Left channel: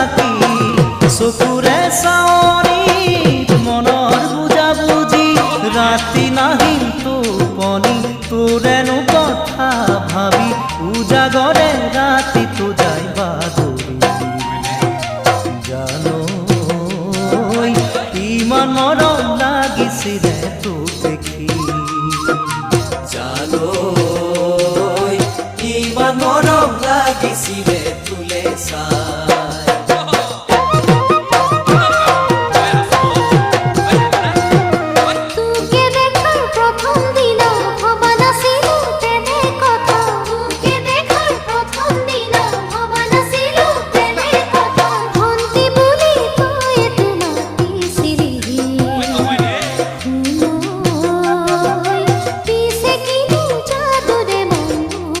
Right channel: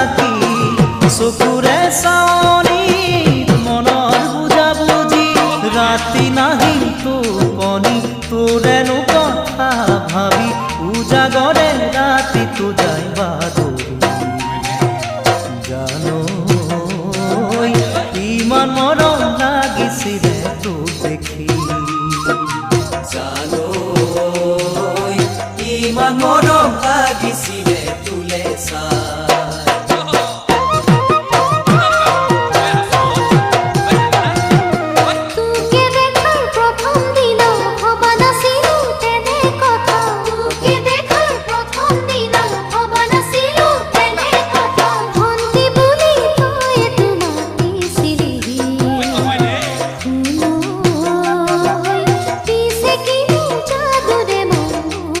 থাকি চকুৰে চাৱনি মনৰ বুজাবুজি ৰাতি নাহিল টোপনি তোৰেনো কথা ভাবি উজাগৰে ৰাতিটো যায় বাগৰি জানো ইমান মৰম লাগিছিলে তোক দেখি জানো ইমান মৰম লাগিছিলে তোলে চাই